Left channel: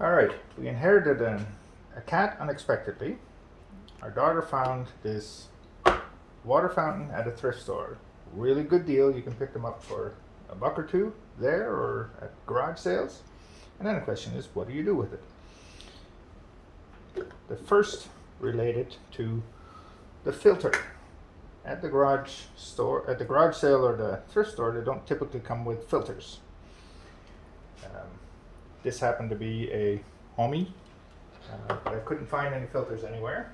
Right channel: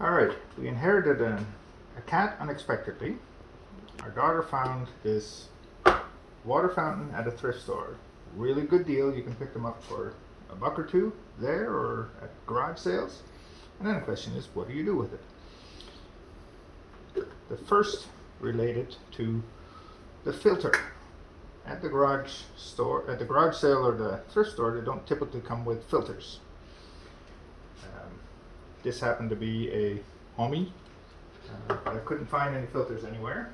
Alright, we inherited a cat unexpectedly. Our daughter found this water fountain at a thrift store. Really good deal. You can pick them up for $1 or $2 there or at garage sales. And then the question is, what do you do with it? The first related to the filter. At the garage store, at the garage sale or the thrift store, they don't typically come with filters. This happened to be a Hummii, but I couldn't find any filters anywhere.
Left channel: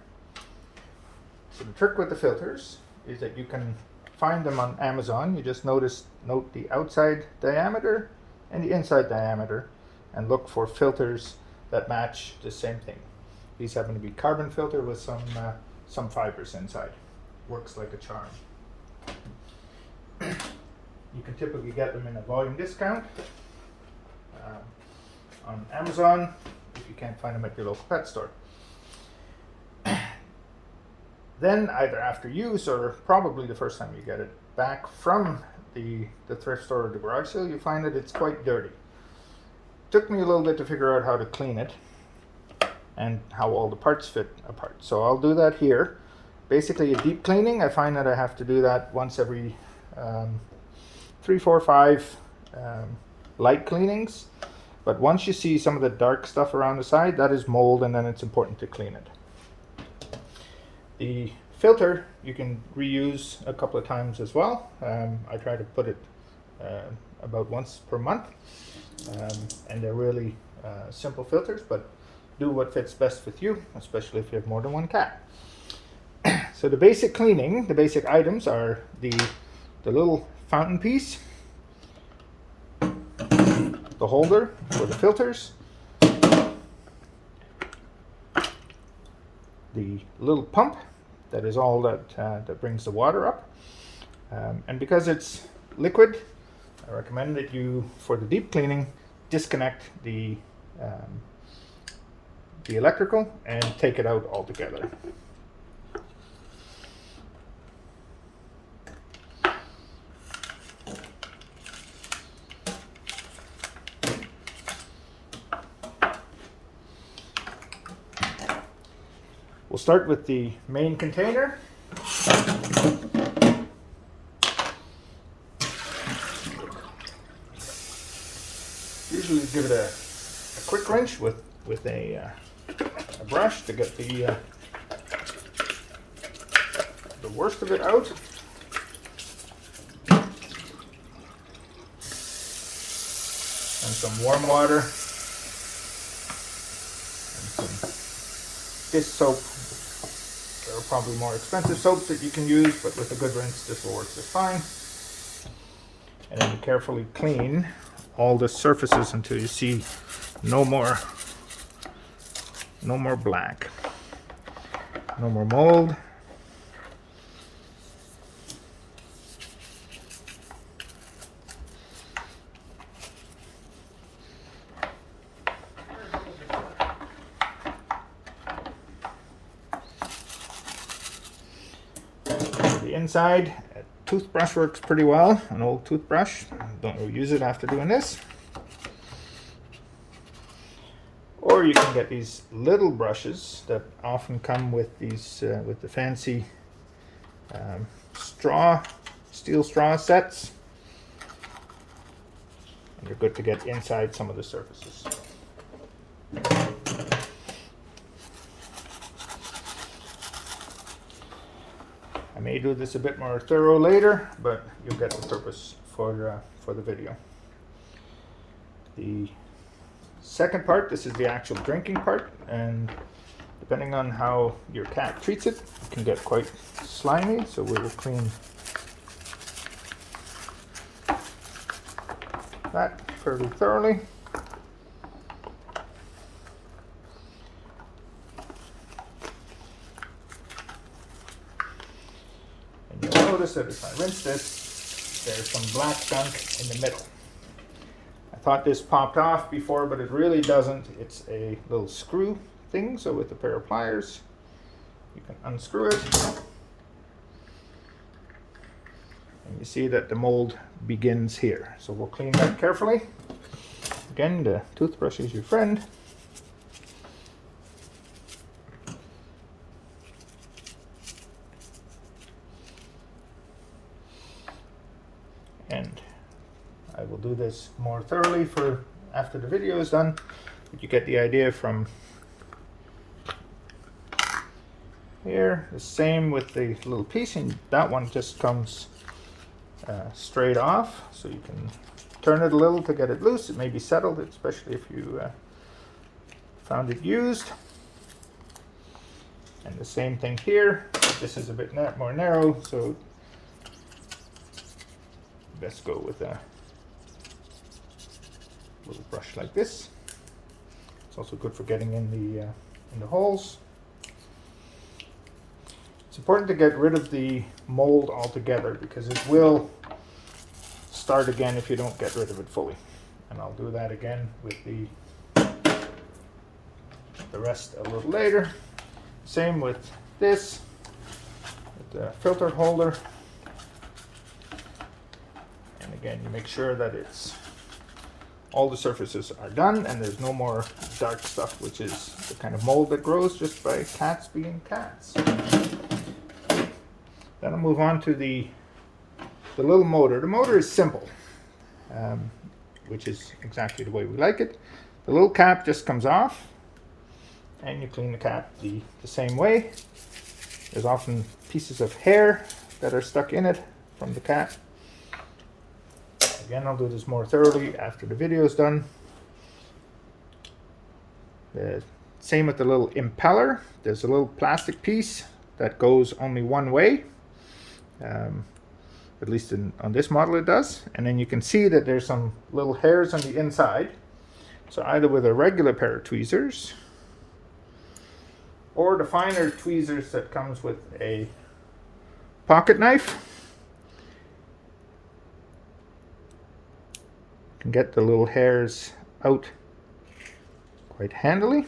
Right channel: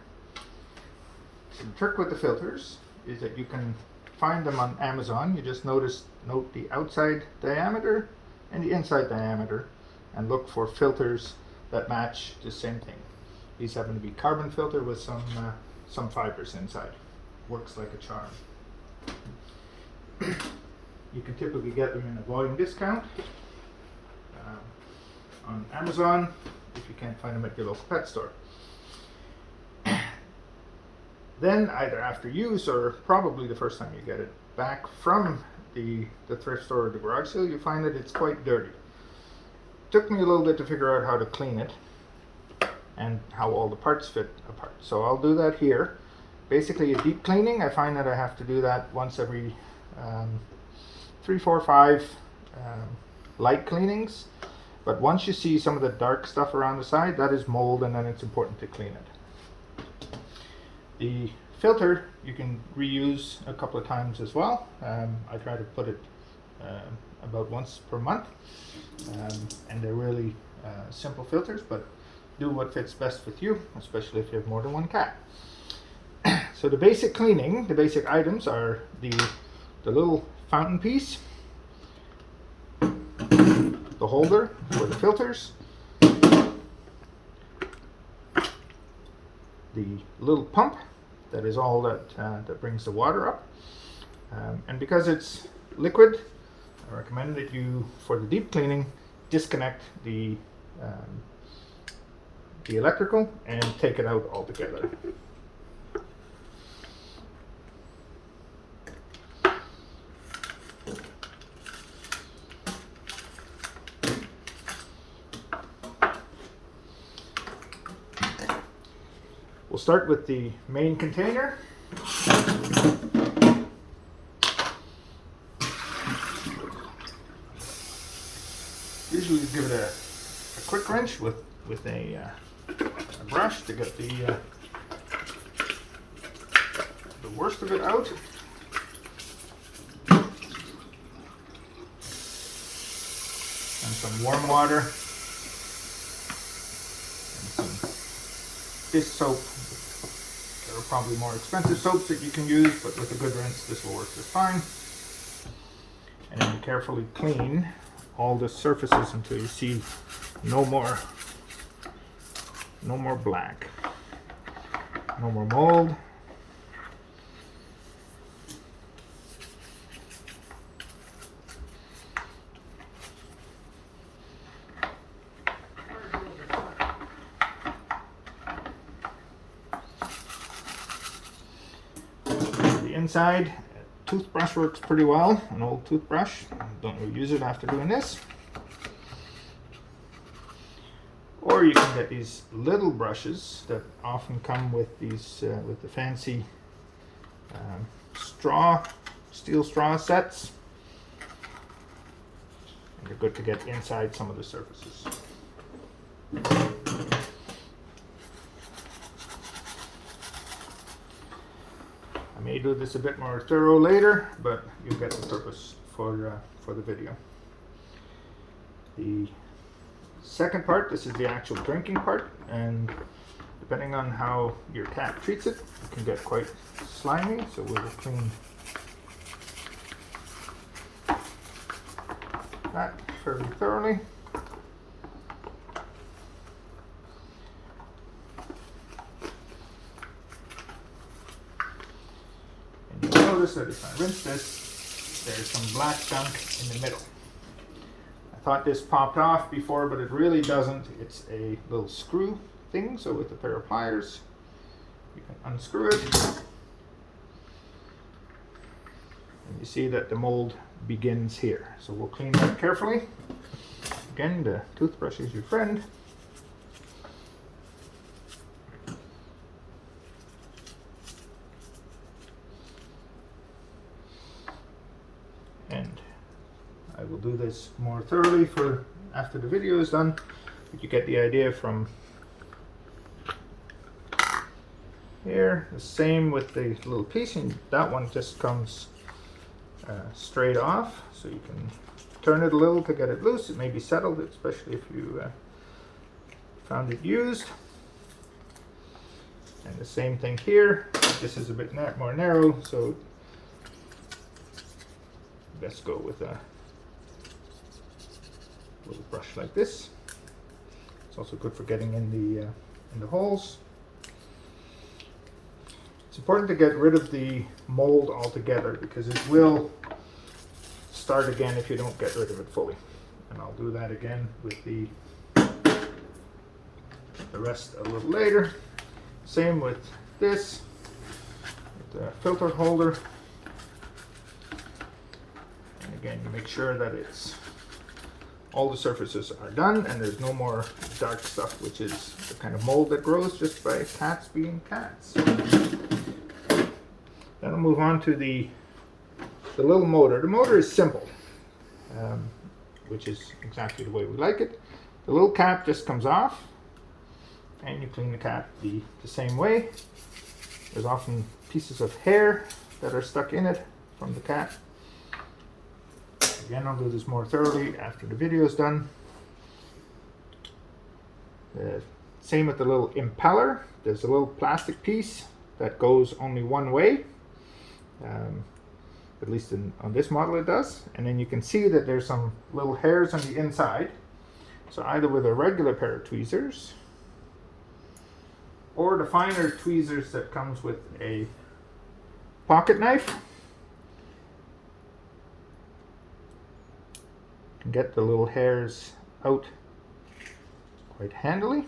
So the trick with the filters is that you can find them on Amazon. You just note the outside diameter and the inside diameter and look for filters that match the same thing. These happen to be carbon filter with some fibers inside. Works like a charm. You can typically get them in a volume discount on Amazon if you can't find them at your local pet store. Then either after use or probably the first time you get it back from the thrift store or the garage sale, you find that it's quite dirty. Took me a little bit to figure out how to clean it and how all the parts fit apart. So I'll do that here. Basically a deep cleaning. I find that I have to do that once every 3, 4, 5 light cleanings. But once you see some of the dark stuff around the side, that is mold, and then it's important to clean it. The filter you can reuse a couple of times as well. I try to put it about once per month, and they're really simple filters, but do what fits best with you, especially if you have more than one cat. So the basic cleaning, the basic items are the little fountain piece, the holder for the filters, the little pump that is all that brings the water up, and because it's liquid, I recommend that you, for the deep cleaning, disconnect the electrical and take it out altogether. We'll start with the main container. Usually give it a quick rinse with a brush to get the worst of it out. And some warm water and some dish soap. There are probably more expensive soaps that you can use, but with a good rinse this will work just fine. And then you carefully clean all the surfaces until you see no more black, no more mold. Inside, a toothbrush works pretty well, an old toothbrush. Don't reuse it after doing this. Or you can get these little brushes that often come with these with the fancy steel straw sets, and you're good to get inside some of the surfaces. I may do this a bit more thorough later, but you'll get the purpose for the video. The second part, this is the actual drinking part, and depending on how your cat treats it, it can get quite slimy, so we will clean that fairly thoroughly. Notice that if I rinse this, there's some black gunk in the middle. I thought this popped off before, but it really doesn't. It's a little screw thing, so with a pair of pliers, you can unscrew it. And you see that the mold begins here. So we'll clean that carefully. Again, the toothbrush is your friend. more thoroughly for after the video is done, but you get the idea from here. The same with the little piece, and that one just comes straight off, so you can turn it a little to get it loose. It may be settled, especially if you found it used. And the same thing here. This is a bit more narrow, so best go with a little brush like this. It's also good for getting in the holes. It's important to get rid of the mold altogether because it will start again if you don't get rid of it fully. And I'll do that again with the rest a little later. Same with this, with the filter holder. And again, you make sure that all the surfaces are done and there's no more dark stuff, which is the kind of mold that grows just by cats being cats. Then I'll move on to the little motor. The motor is simple, which is exactly the way we like it. The little cap just comes off, and you clean the cap the same way. There's often pieces of hair that are stuck in it from the cap. Again, I'll do this more thoroughly after the video is done. Same with the little impeller. There's a little plastic piece that goes only one way. At least on this model it does. And then you can see that there's some little hairs on the inside. So either with a regular pair of tweezers or the finer tweezers that comes with a pocket knife, you can get the little hairs out quite handily.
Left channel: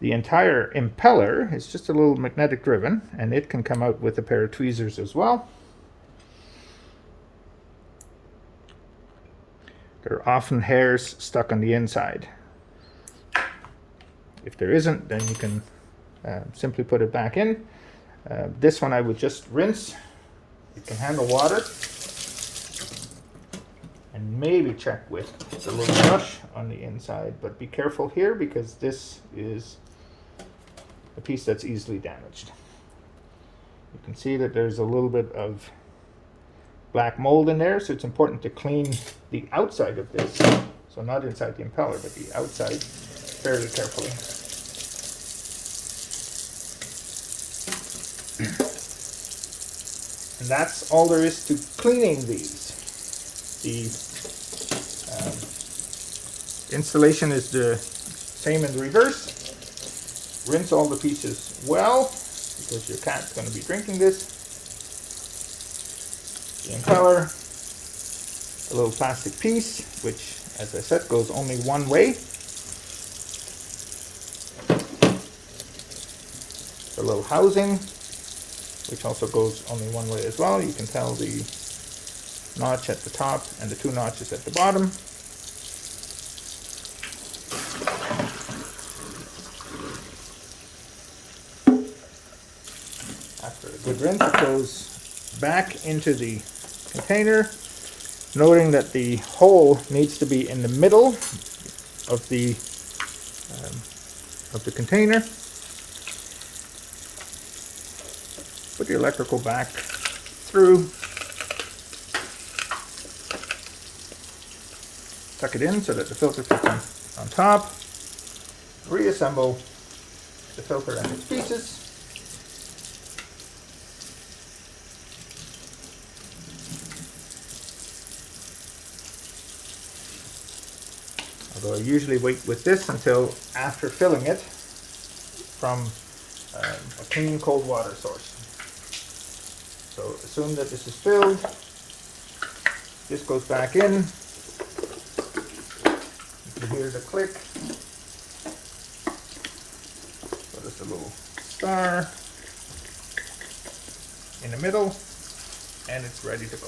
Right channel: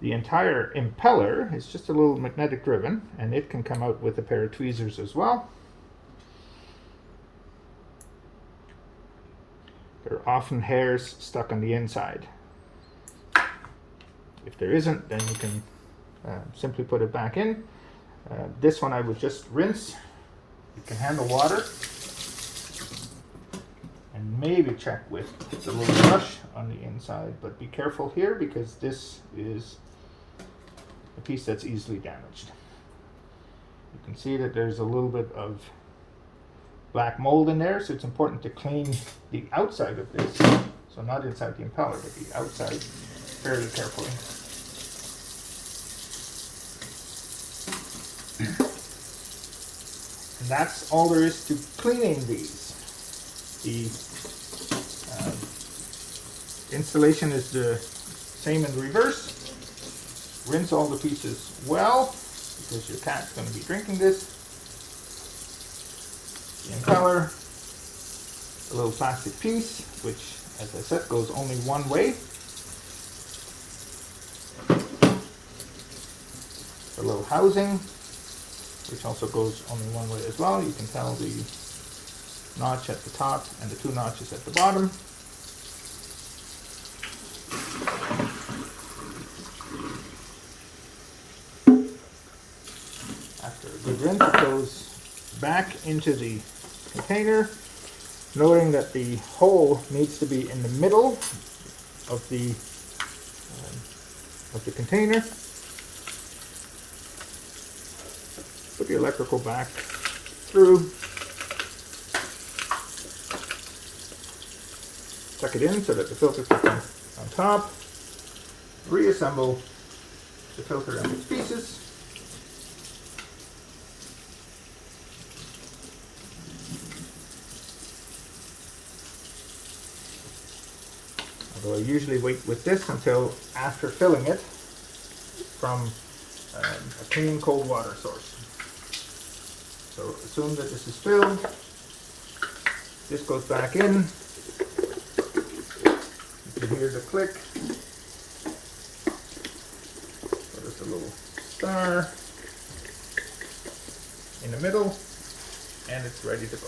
The entire impeller is just a little magnetic driven, and it can come out with a pair of tweezers as well. There are often hairs stuck on the inside. If there isn't, then you can simply put it back in. This one I would just rinse. It can handle water. And maybe check with the little brush on the inside, but be careful here because this is a piece that's easily damaged. You can see that there's a little bit of black mold in there, so it's important to clean the outside of this. So not inside the impeller, but the outside fairly carefully. And that's all there is to cleaning these. The installation is the same in reverse. Rinse all the pieces well, because your cat's going to be drinking this. The impeller, a little plastic piece, which, as I said, goes only one way. The little housing, which also goes only one way as well. You can tell the notch at the top and the two notches at the bottom. After a good rinse, it goes back into the container, noting that the hole needs to be in the middle of the container. Put the electrical back through. Tuck it in so that the filter fits on top. Reassemble the filter and its pieces. Although I usually wait with this until after filling it from a clean cold water source. So assume that this is filled. This goes back in. You can hear the click. There's a little star in the middle, and it's ready to go.